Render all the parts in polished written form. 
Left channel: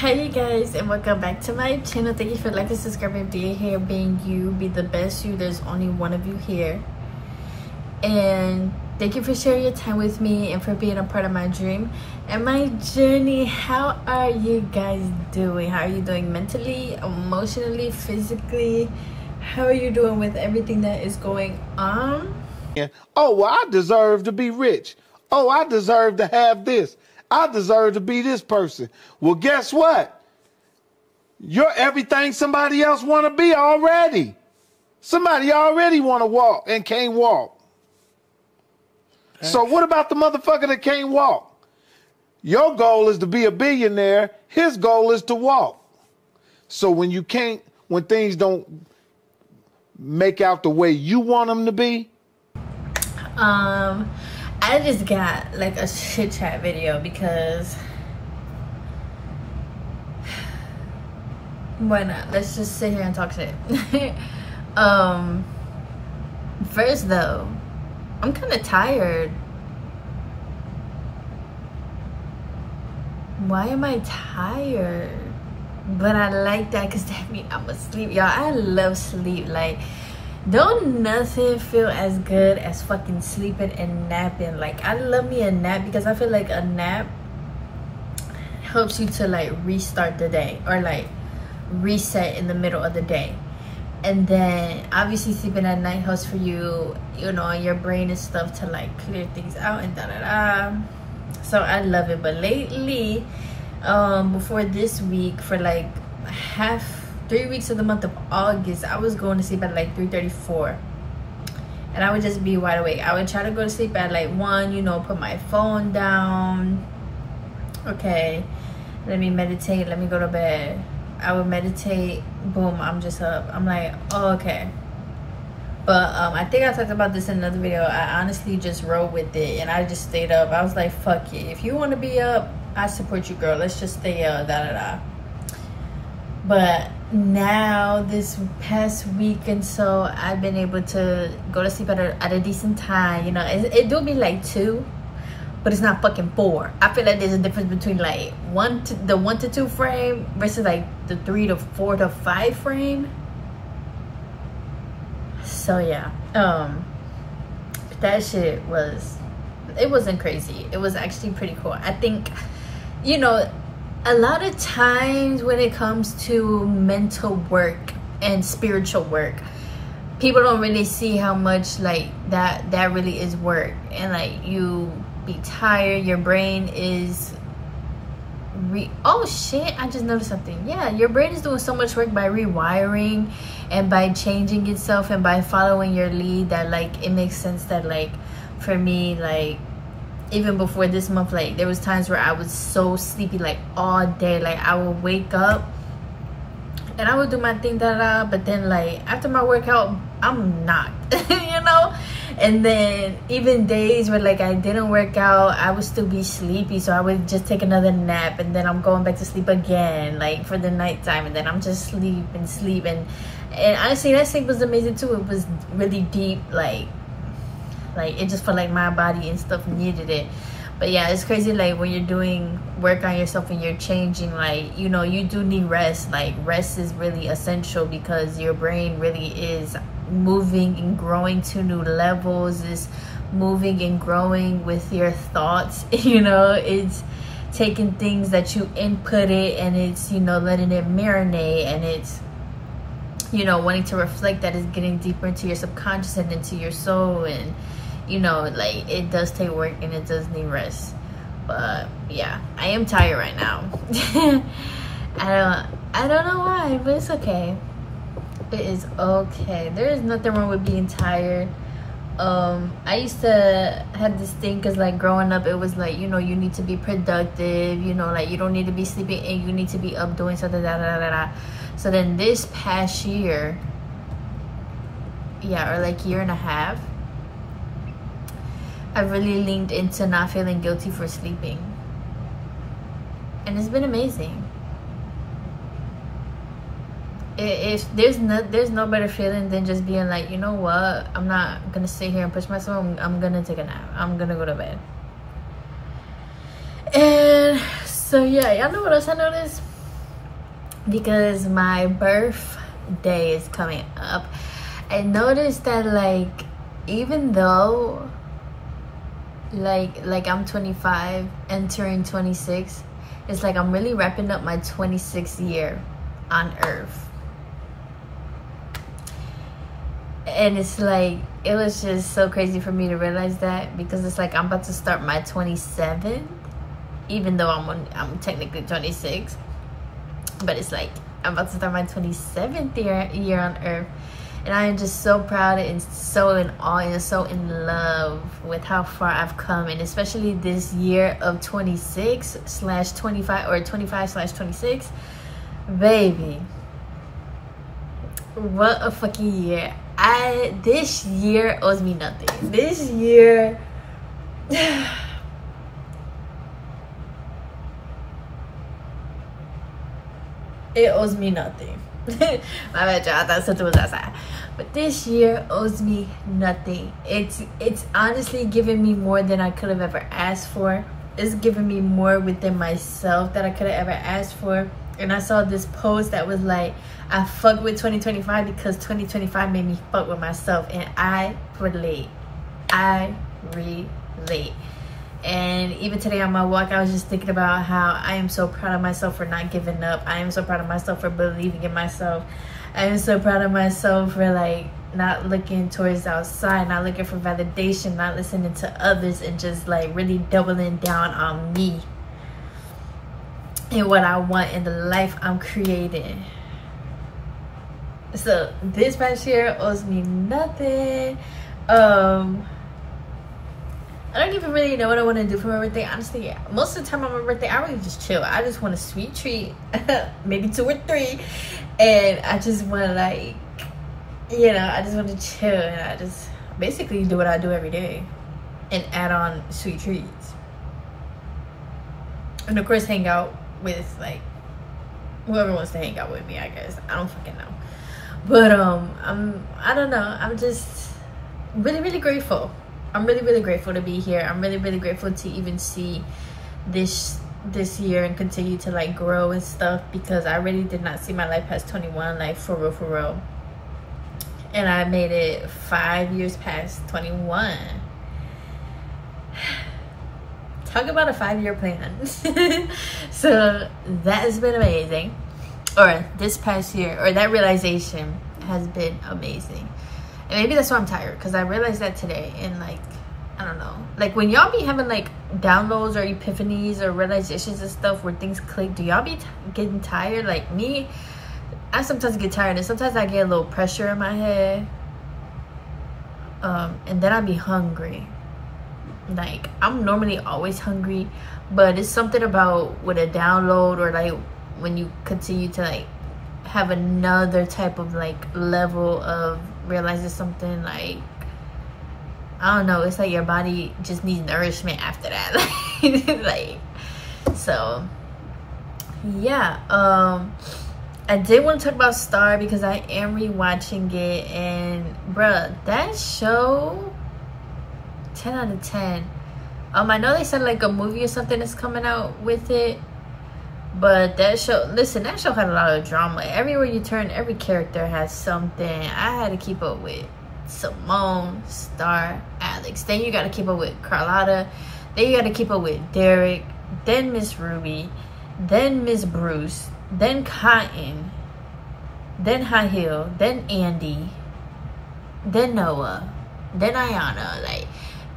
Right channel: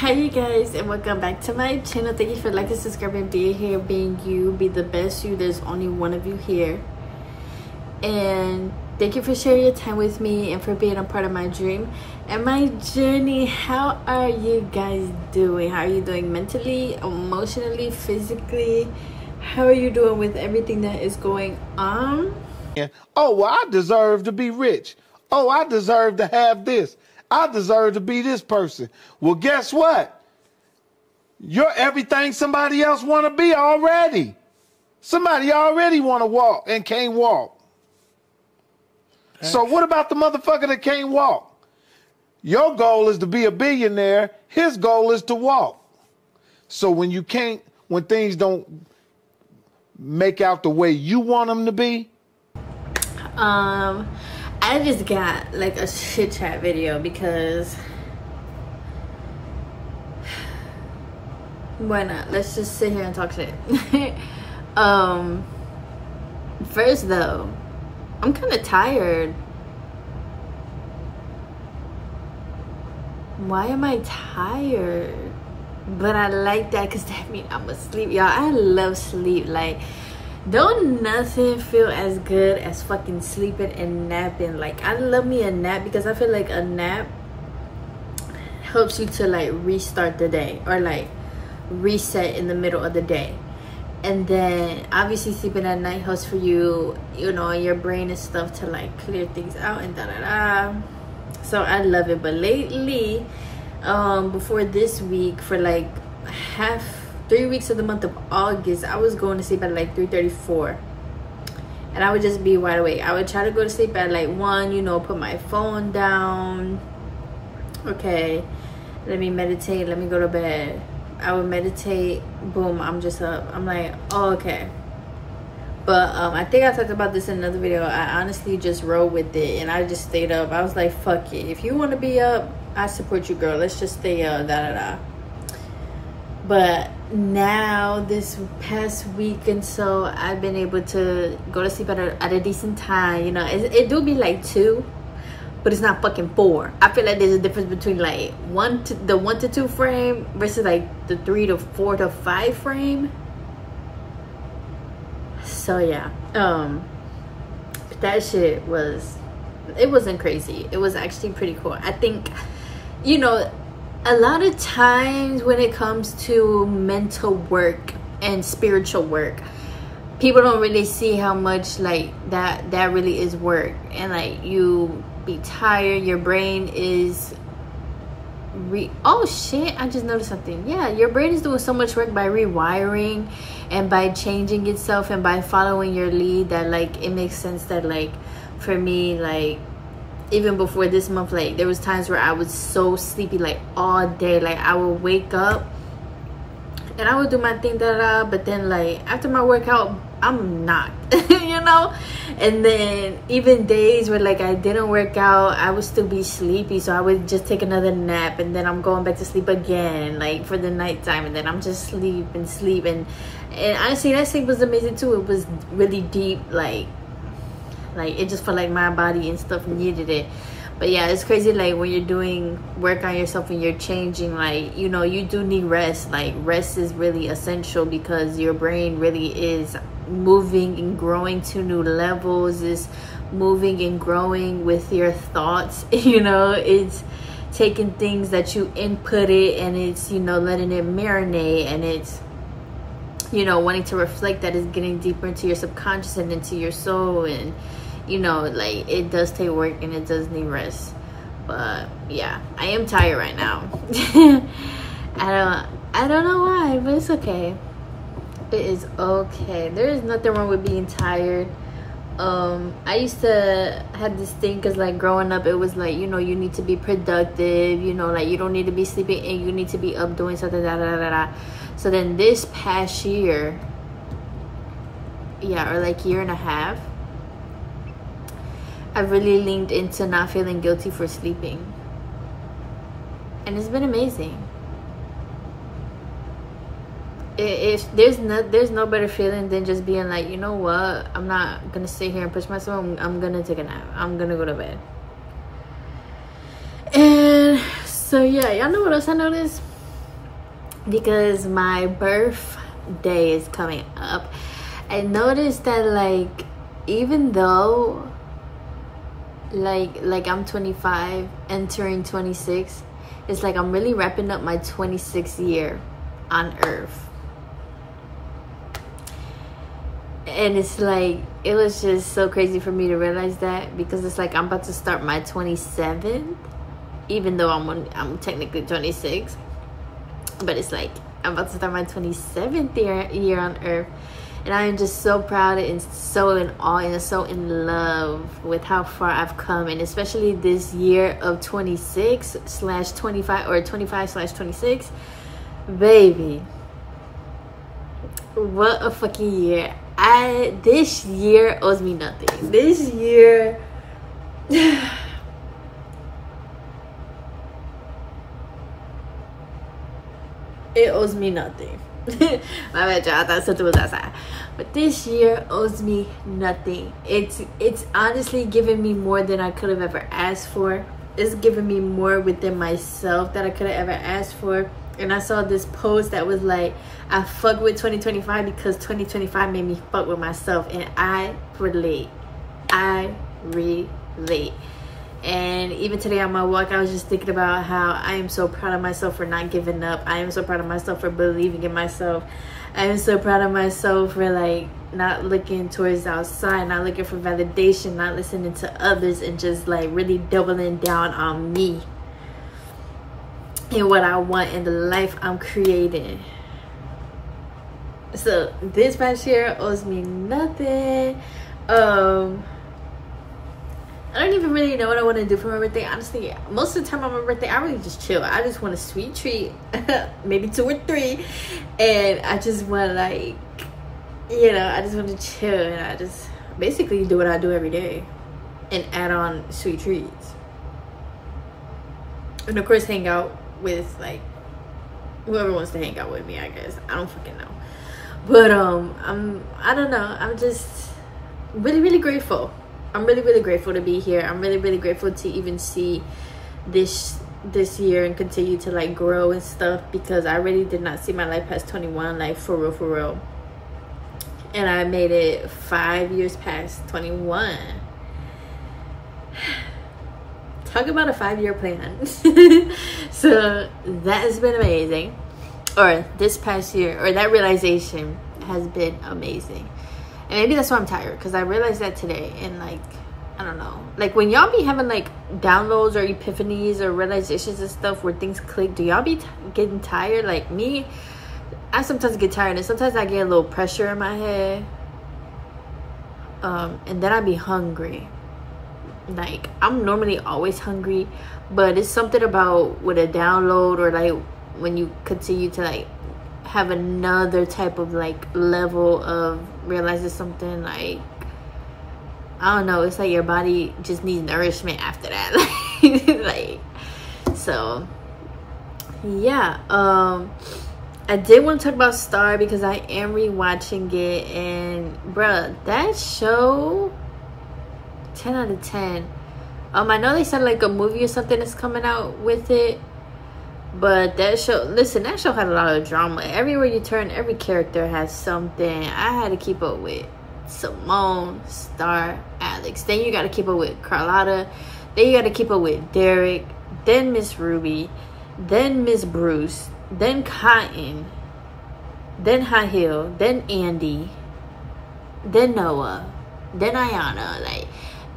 Hi you guys, and welcome back to my channel. Thank you for liking, subscribing, being here, being you, be the best you. There's only one of you here, and thank you for sharing your time with me and for being a part of my dream and my journey. How are you guys doing? How are you doing mentally, emotionally, physically? How are you doing with everything that is going on? Oh, well, I deserve to be rich. Oh, I deserve to have this. I deserve to be this person. Well, guess what? You're everything somebody else want to be already. Somebody already want to walk and can't walk. So what about the motherfucker that can't walk? Your goal is to be a billionaire. His goal is to walk. So when you can't, when things don't make out the way you want them to be. I just got like a chit chat video because why not? Let's just sit here and talk shit. First though, I'm kind of tired. Why am I tired? But I like that because that means I'm asleep, y'all. I love sleep. Like, don't nothing feel as good as fucking sleeping and napping. Like, I love me a nap because I feel like a nap helps you to like restart the day or like reset in the middle of the day. And then obviously sleeping at night helps for you, you know, your brain and stuff to like clear things out and da-da-da. So I love it. But lately, before this week, for like 3 weeks of the month of August, I was going to sleep at like 3:34 and I would just be wide awake. I would try to go to sleep at like 1, you know, put my phone down. Okay, let me meditate, let me go to bed. I would meditate, boom, I'm just up. I'm like, oh, okay. But I think I talked about this in another video. I honestly just rode with it and I just stayed up. I was like, fuck it, if you want to be up, I support you, girl. Let's just stay up, da-da-da. But now this past week and so, I've been able to go to sleep at a decent time. You know, it do be like 2, but it's not fucking 4. I feel like there's a difference between like the 1 to 2 frame versus like the 3 to 4 to 5 frame. So yeah, that shit wasn't crazy. It was actually pretty cool. I think, you know, a lot of times when it comes to mental work and spiritual work, people don't really see how much like that really is work. And like, you be tired, your brain is oh shit, I just noticed something. Yeah, your brain is doing so much work by rewiring and by changing itself and by following your lead that like it makes sense that like for me, like even before this month, like there was times where I was so sleepy like all day. Like I would wake up and I would do my thing, but then like after my workout I'm knocked. You know. And then even days where like I didn't work out, I would still be sleepy, so I would just take another nap and then I'm going back to sleep again, like for the nighttime, and then I'm just sleep and honestly that sleep was amazing too. It was really deep, like it just felt like my body and stuff needed it. But yeah, it's crazy like when you're doing work on yourself and you're changing, like, you know, you do need rest. Like rest is really essential because your brain really is moving and growing to new levels, is moving and growing with your thoughts. You know, it's taking things that you input it and it's, you know, letting it marinate, and it's, you know, wanting to reflect that, is getting deeper into your subconscious and into your soul. And you know, like it does take work and it does need rest. But yeah, I am tired right now. I don't know why, but it's okay. It is okay. There is nothing wrong with being tired. I used to have this thing because like growing up, it was like, you know, you need to be productive, you know, like you don't need to be sleeping and you need to be up doing something, da da da da. So then this past year, yeah, or like year and a half, I really leaned into not feeling guilty for sleeping, and it's been amazing. If there's no better feeling than just being like, you know what, I'm not gonna sit here and push myself. I'm gonna take a nap. I'm gonna go to bed. And So yeah, y'all know what else I noticed? because my birthday is coming up. I noticed that, like, even though like I'm 25 entering 26, it's like I'm really wrapping up my 26th year on earth. And it's like, it was just so crazy for me to realize that, because it's like I'm about to start my 27th, even though I'm technically 26, but it's like I'm about to start my 27th year on earth. And I am just so proud and so in awe and so in love with how far I've come. And especially this year of 26/25 or 25/26. Baby, what a fucking year. This year owes me nothing. This year... it owes me nothing. My bad, y'all. I thought something was outside. But this year owes me nothing. It's honestly given me more than I could have ever asked for. It's given me more within myself that I could have ever asked for. And I saw this post that was like, I fuck with 2025 because 2025 made me fuck with myself. And I relate. I relate. And even today on my walk, I was just thinking about how I am so proud of myself for not giving up. I am so proud of myself for believing in myself. I am so proud of myself for, like, not looking towards outside, not looking for validation, not listening to others, and just, like, really doubling down on me and what I want in the life I'm creating. So this past year owes me nothing. I don't even really know what I want to do for my birthday. Honestly, most of the time on my birthday, I really just chill. I just want a sweet treat, maybe 2 or 3. And I just want to, like, you know, I just want to chill. And I just basically do what I do every day and add on sweet treats. And of course, hang out with, like, whoever wants to hang out with me, I guess. I don't fucking know. But, I don't know. I'm just really, really grateful. I'm really, really grateful to be here. I'm really, really grateful to even see this year and continue to, like, grow and stuff, because I really did not see my life past 21, like, for real. And I made it 5 years past 21. Talk about a 5-year plan. So that has been amazing. Or this past year, or that realization has been amazing. And maybe that's why I'm tired, because I realized that today. And, like, I don't know, like, when y'all be having, like, downloads or epiphanies or realizations and stuff where things click, do y'all be getting tired? Like me, I sometimes get tired, and sometimes I get a little pressure in my head, and then I be hungry. Like, I'm normally always hungry, but it's something about with a download, or, like, when you continue to, like, have another type of, like, level of realizing something, like, I don't know, it's like your body just needs nourishment after that. Like, so yeah. I did want to talk about Star because I am rewatching it, and bruh, that show, 10 out of 10. I know they said, like, a movie or something is coming out with it. But that show, listen, that show had a lot of drama. Everywhere you turn, every character has something. I had to keep up with Simone, Star, Alex. Then you got to keep up with Carlotta. Then you got to keep up with Derek. Then Miss Ruby. Then Miss Bruce. Then Cotton. Then High Heel. Then Andy. Then Noah. Then Ayana. Like,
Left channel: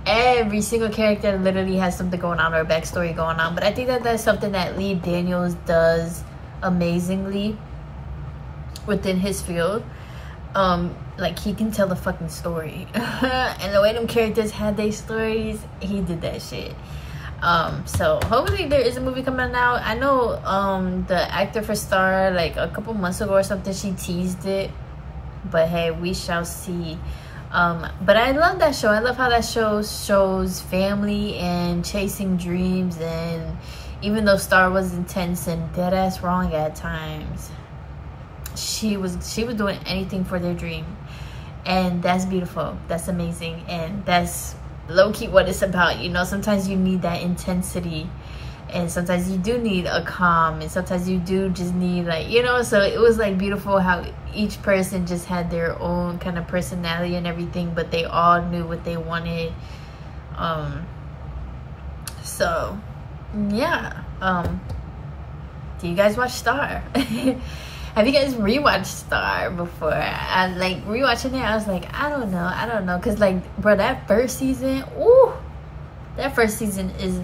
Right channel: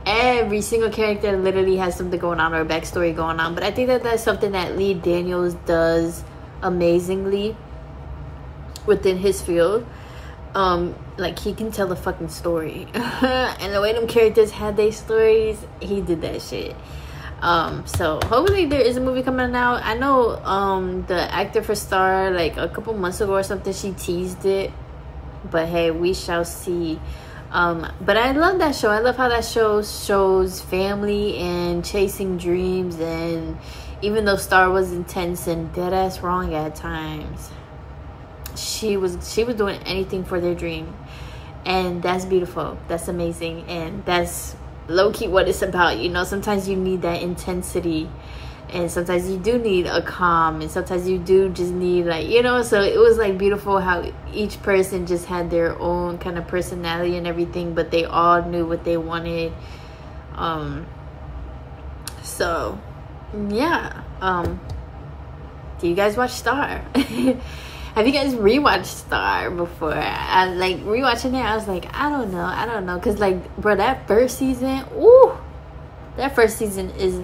every single character literally has something going on, or a backstory going on. But I think that that's something that Lee Daniels does amazingly within his field. Like, he can tell a fucking story. And the way them characters had their stories, he did that shit. So hopefully there is a movie coming out. I know the actor for Star, like, a couple months ago or something, she teased it. But hey, we shall see. But I love that show. I love how that show shows family and chasing dreams. And even though Star was intense and dead ass wrong at times, she was doing anything for their dream. And that's beautiful. That's amazing. And that's low-key what it's about. You know, sometimes you need that intensity and sometimes you do need a calm, and sometimes you do just need, like, you know. So it was like beautiful how each person just had their own kind of personality and everything, but they all knew what they wanted. So yeah. Do you guys watch Star? Have you guys rewatched Star before? I like rewatching it. I was like, I don't know, because like, bro, that first season, ooh, that first season is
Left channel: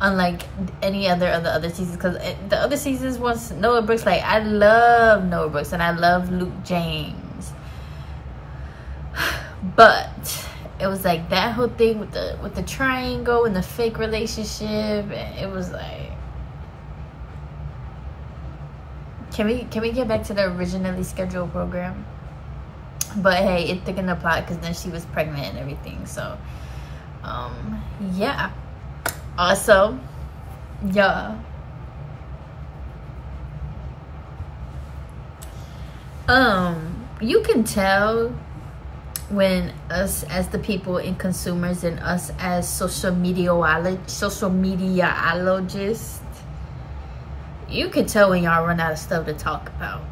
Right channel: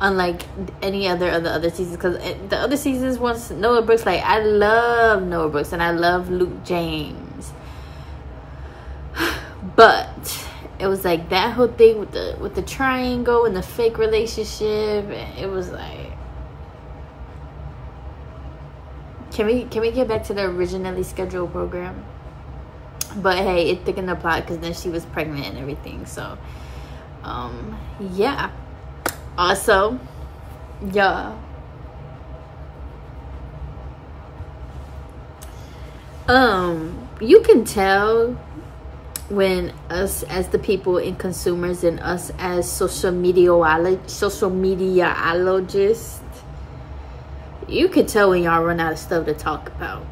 unlike any other of the other seasons, because the other seasons was Noah Brooks. Like, I love Noah Brooks and I love Luke James, but it was like that whole thing with the triangle and the fake relationship. It was like, can we get back to the originally scheduled program? But hey, it thickened the plot because then she was pregnant and everything. So yeah. Also, yeah, you can tell when us as the people and consumers, and us as social mediaologists, you can tell when y'all run out of stuff to talk about.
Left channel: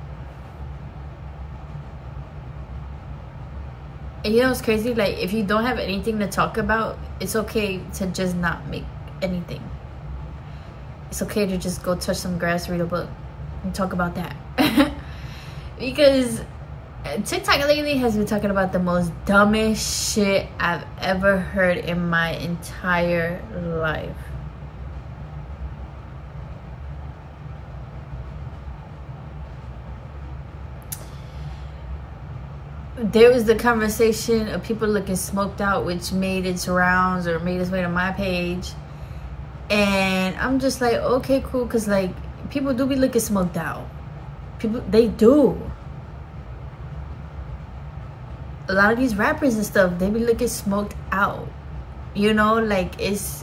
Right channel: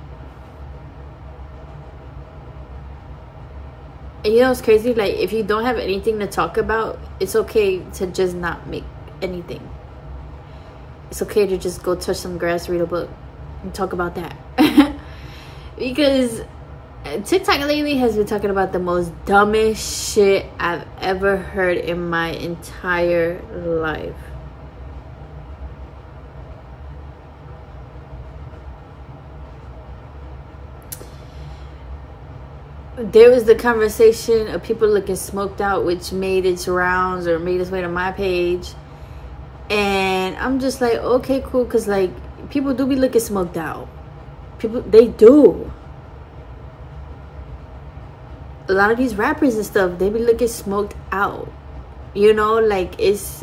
And you know what's crazy? Like, if you don't have anything to talk about, it's okay to just not make anything. It's okay to just go touch some grass, read a book, and talk about that. Because TikTok lately has been talking about the most dumbest shit I've ever heard in my entire life. There was the conversation of people looking smoked out, which made its rounds or made its way to my page. And I'm just like, okay, cool. Because, like, people do be looking smoked out. People, they do. A lot of these rappers and stuff, they be looking smoked out. You know, like, it's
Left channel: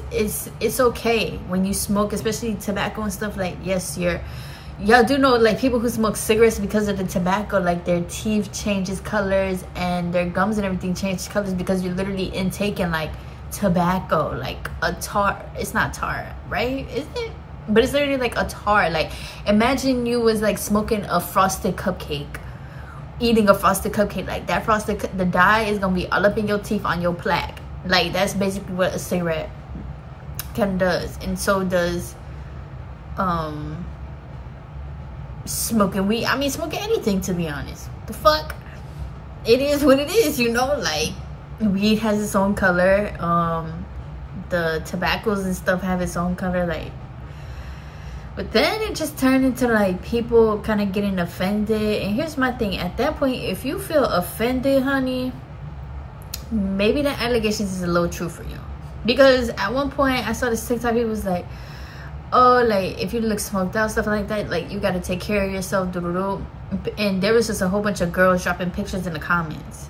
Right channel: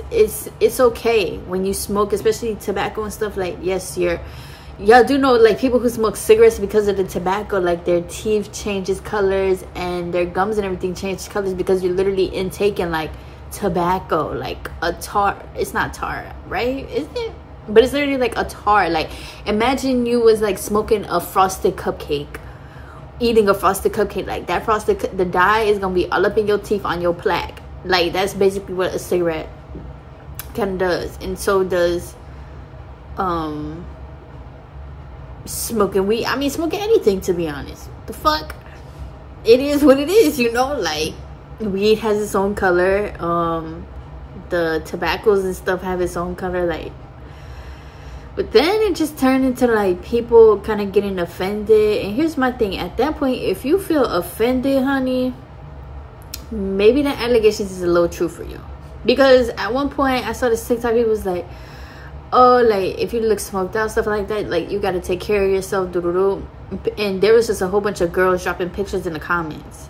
okay when you smoke, especially tobacco and stuff. Like, yes, y'all do know, like, people who smoke cigarettes, because of the tobacco, like, their teeth changes colors and their gums and everything change colors, because you're literally intaking, like, tobacco, like a tar. It's not tar, right? Is it? But it's literally like a tar. Like, imagine you was like smoking a frosted cupcake, eating a frosted cupcake. Like, that frosted, the dye is gonna be all up in your teeth, on your plaque. Like, that's basically what a cigarette kind of does. And so does smoking weed. I mean, smoking anything, to be honest. The fuck, it is what it is, you know. Like, weed has its own color, the tobaccos and stuff have its own color, like. But then it just turned into, like, people kind of getting offended. And here's my thing: at that point, if you feel offended, honey, maybe the allegations is a little true for you. Because at one point I saw this TikTok, people was like, oh, like, if you look smoked out, stuff like that, like, you got to take care of yourself, doo-doo-doo. And there was just a whole bunch of girls dropping pictures in the comments.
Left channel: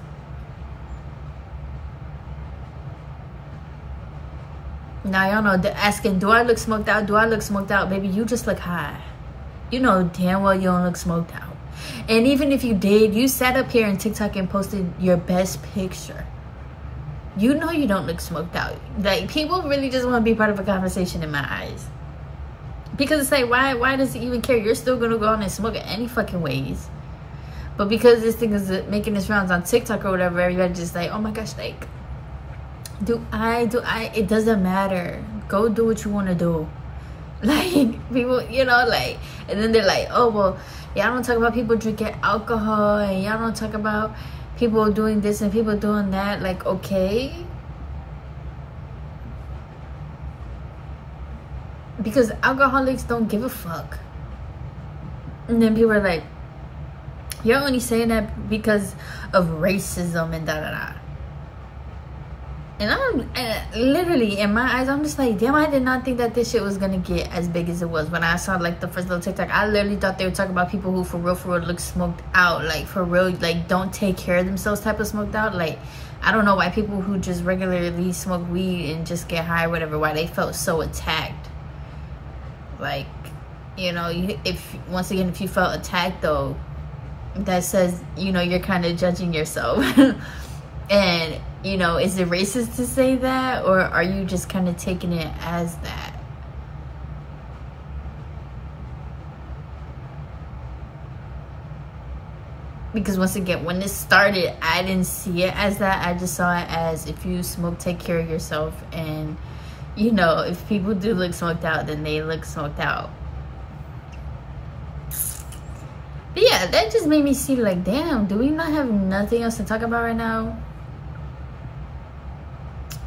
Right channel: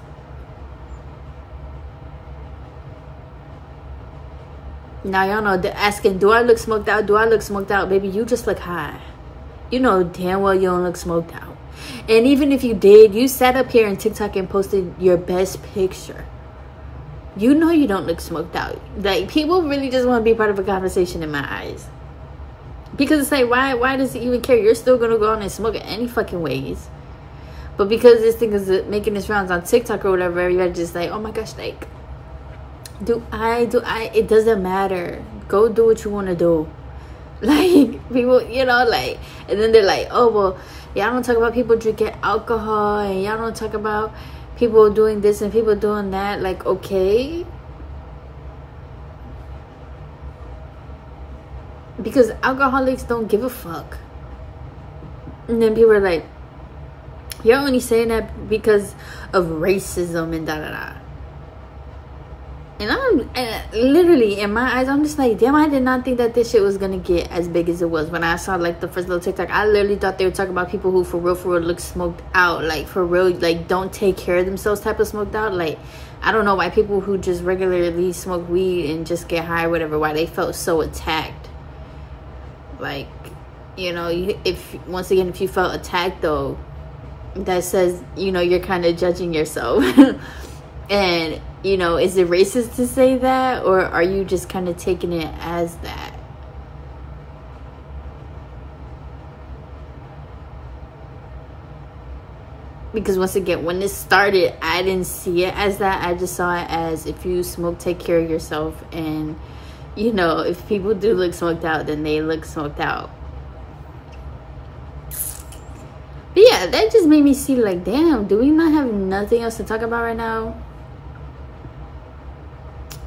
Now, y'all know, they're asking, do I look smoked out? Do I look smoked out? Baby, you just look high. You know damn well you don't look smoked out. And even if you did, you sat up here in TikTok and posted your best picture. You know you don't look smoked out. Like, people really just want to be part of a conversation in my eyes. Because it's like, why does it even care? You're still going to go on and smoke it any fucking ways. But because this thing is making its rounds on TikTok or whatever, everybody just like, oh my gosh, like, do I, it doesn't matter. Go do what you want to do. Like, people, you know, like, and then they're like, oh, well, y'all don't talk about people drinking alcohol, and y'all don't talk about people doing this and people doing that. Like, okay. Because alcoholics don't give a fuck. And then people are like, you're only saying that because of racism and da-da-da. And literally, in my eyes, I'm just like, damn, I did not think that this shit was gonna get as big as it was. When I saw, like, the first little TikTok, I literally thought they were talking about people who for real look smoked out. Like, for real, like, don't take care of themselves type of smoked out. Like, I don't know why people who just regularly smoke weed and just get high or whatever, why they felt so attacked. Like, you know, if once again, if you felt attacked, though, that says, you know, you're kind of judging yourself. And, you know, is it racist to say that, or are you just kind of taking it as that? because once again, when it started, I didn't see it as that. I just saw it as, if you smoke, take care of yourself. And you know, if people do look smoked out, then they look smoked out. But yeah, that just made me see, like, damn, do we not have nothing else to talk about right now?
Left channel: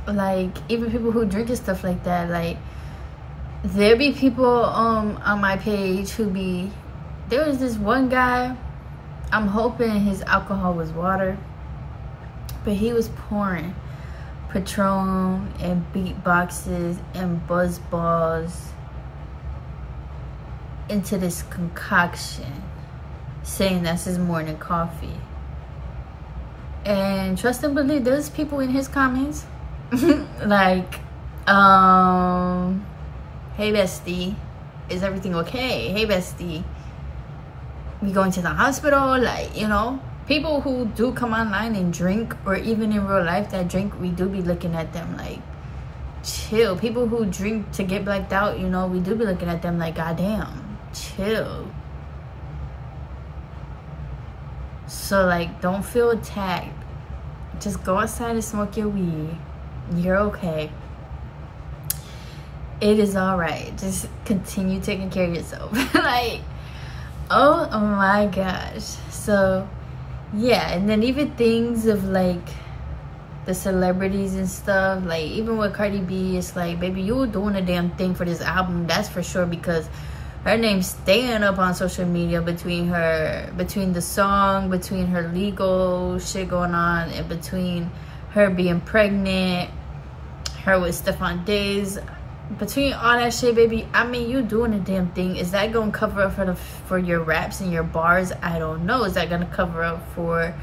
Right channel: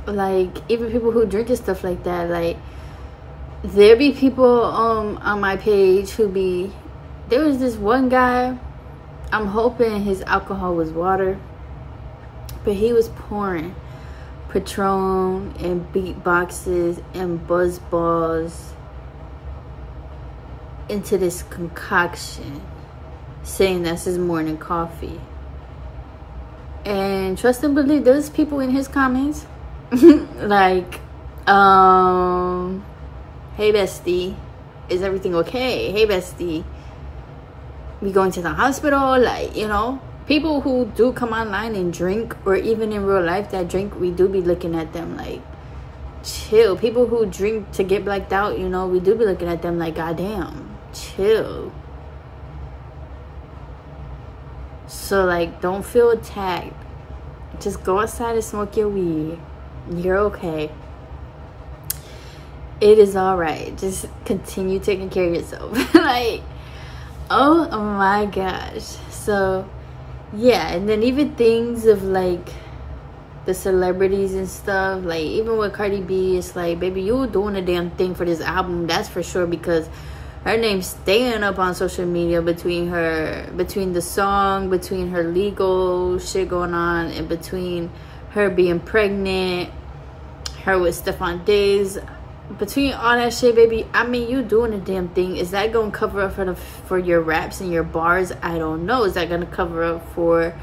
Like, even people who drink and stuff like that, like, there be people on my page who be, there was this one guy, I'm hoping his alcohol was water, but he was pouring Patron and beatboxes and buzz balls into this concoction, saying that's his morning coffee. And trust and believe, there's people in his comments like, hey bestie, is everything okay? Hey bestie, we going to the hospital? Like, you know, people who do come online and drink, or even in real life that drink, we do be looking at them like, chill. People who drink to get blacked out, you know, we do be looking at them like, goddamn, chill. So, like, don't feel attacked. Just go outside and smoke your weed. You're okay. It is all right. Just continue taking care of yourself. Like, oh my gosh. So, yeah. And then even things of, like, the celebrities and stuff. Like, even with Cardi B, it's like, baby, you were doing a damn thing for this album. That's for sure, because her name's staying up on social media between the song, between her legal shit going on, and between her being pregnant, her with Stephon Diggs, between all that shit, baby. I mean, you doing a damn thing. Is that gonna cover up for your raps and your bars? I don't know. Is that gonna cover up for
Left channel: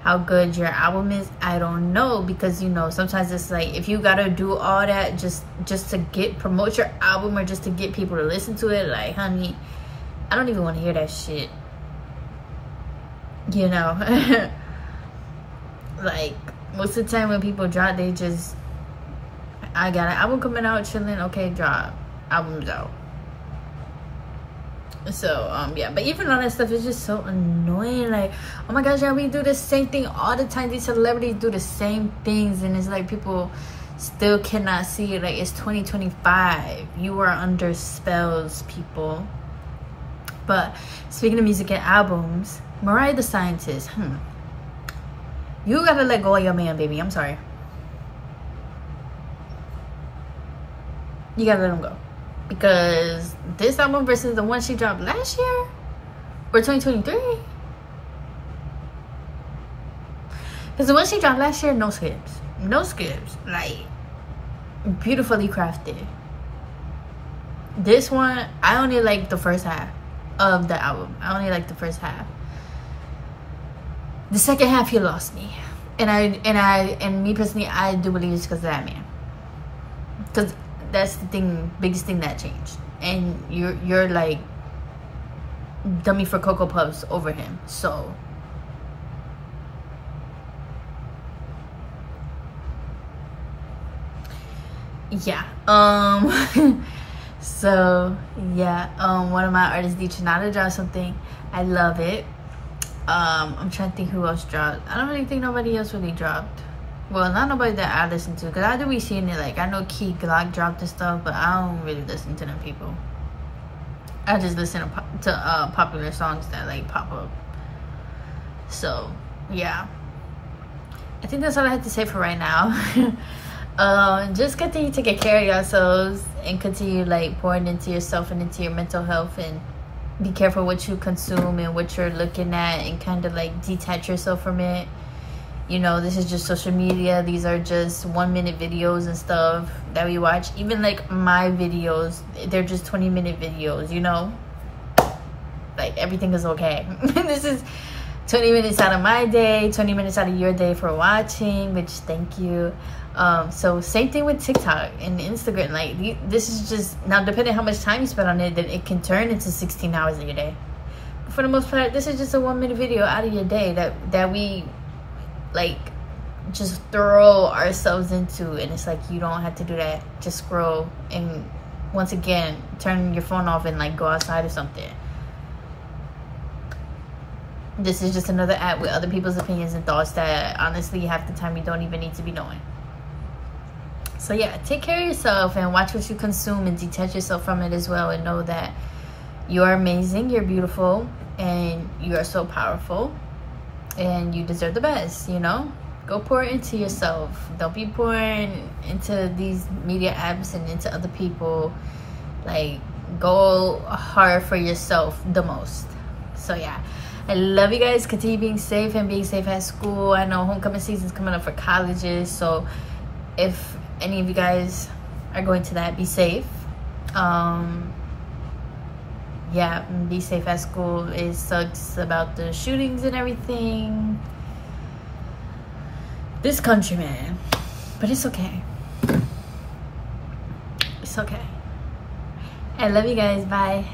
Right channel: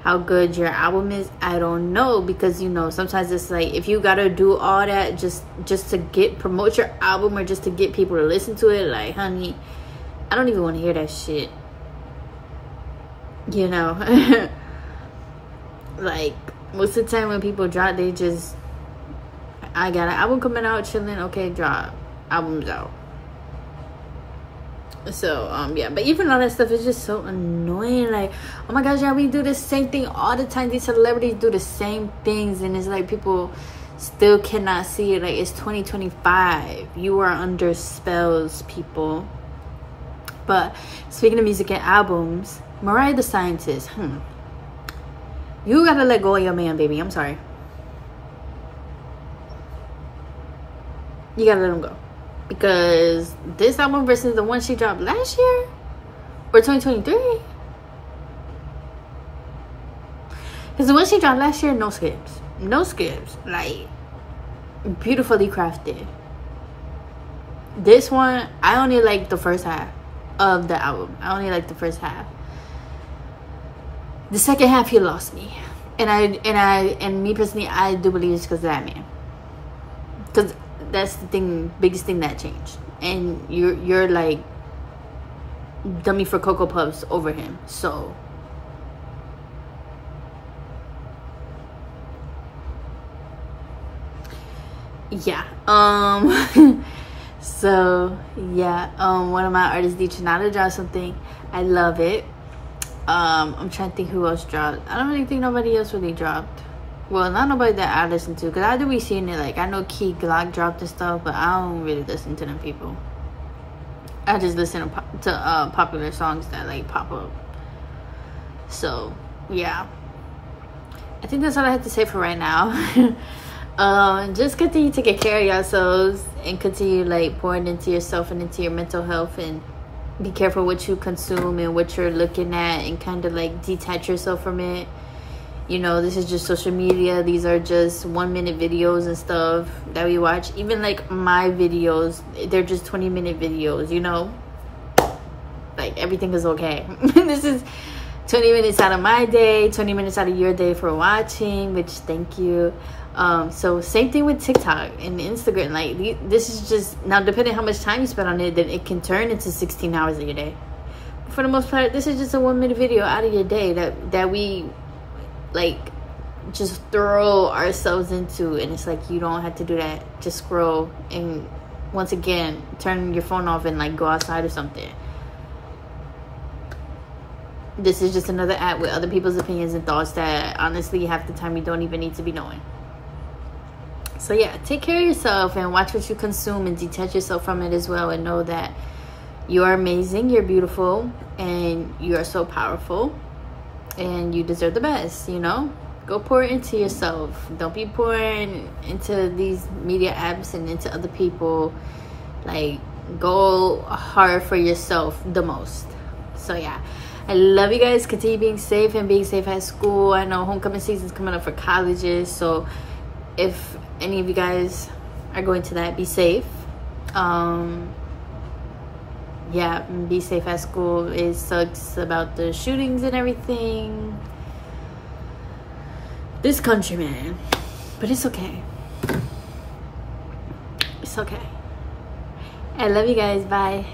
how good your album is? I don't know, because, you know, sometimes it's like, if you gotta do all that just to promote your album, or just to get people to listen to it, like, honey, I don't even want to hear that shit, you know. Like, most of the time when people drop, they just, I got an album coming out, chilling, okay, drop, album's out. So yeah, but even all that stuff is just so annoying. Like, oh my gosh, yeah, we do the same thing all the time. These celebrities do the same things, and it's like people still cannot see it. Like, it's 2025. You are under spells, people. But speaking of music and albums, Mariah the Scientist, you gotta let go of your man, baby. I'm sorry, you gotta let him go. Because this album versus the one she dropped last year, or 2023, because the one she dropped last year, no skips, like, beautifully crafted. This one, I only like the first half of the album. I only like the first half. The second half, he lost me, and me personally, I do believe it's because of that man. Because that's the thing, biggest thing that changed, and you're like dummy for Cocoa Puffs over him. So yeah, so yeah, one of my artists, Deechanada, dropped something. I love it. I'm trying to think who else dropped. I don't really think nobody else really dropped. Well, not nobody that I listen to, because I do be seeing it. Like, I know Key Glock dropped and stuff, but I don't really listen to them people. I just listen to popular songs that, like, pop up. So, yeah. I think that's all I have to say for right now. Just continue taking care of yourselves, and continue, like, pouring into yourself and into your mental health, and be careful what you consume and what you're looking at, and kind of, like, detach yourself from it. You know, this is just social media. These are just 1-minute videos and stuff that we watch. Even, like, my videos, they're just 20-minute videos, you know? Like, everything is okay. This is 20 minutes out of my day, 20 minutes out of your day for watching, which, thank you. So, same thing with TikTok and Instagram. Like, this is just, now, depending how much time you spend on it, then it can turn into 16 hours of your day. But for the most part, this is just a 1-minute video out of your day that we, like, just throw ourselves into, and it's like, you don't have to do that. Just scroll, and once again, turn your phone off and, like, go outside or something. This is just another app with other people's opinions and thoughts that honestly half the time you don't even need to be knowing. So yeah, take care of yourself and watch what you consume and detach yourself from it as well, and know that you're amazing, you're beautiful, and you are so powerful, and you deserve the best, you know? Go pour into yourself. Don't be pouring into these media apps and into other people. Like, go hard for yourself the most. So yeah, I love you guys. Continue being safe and being safe at school. I know homecoming season's coming up for colleges, so if any of you guys are going to that, be safe. Yeah, be safe at school. It sucks about the shootings and everything. This country, man. But it's okay. It's okay. I love you guys. Bye.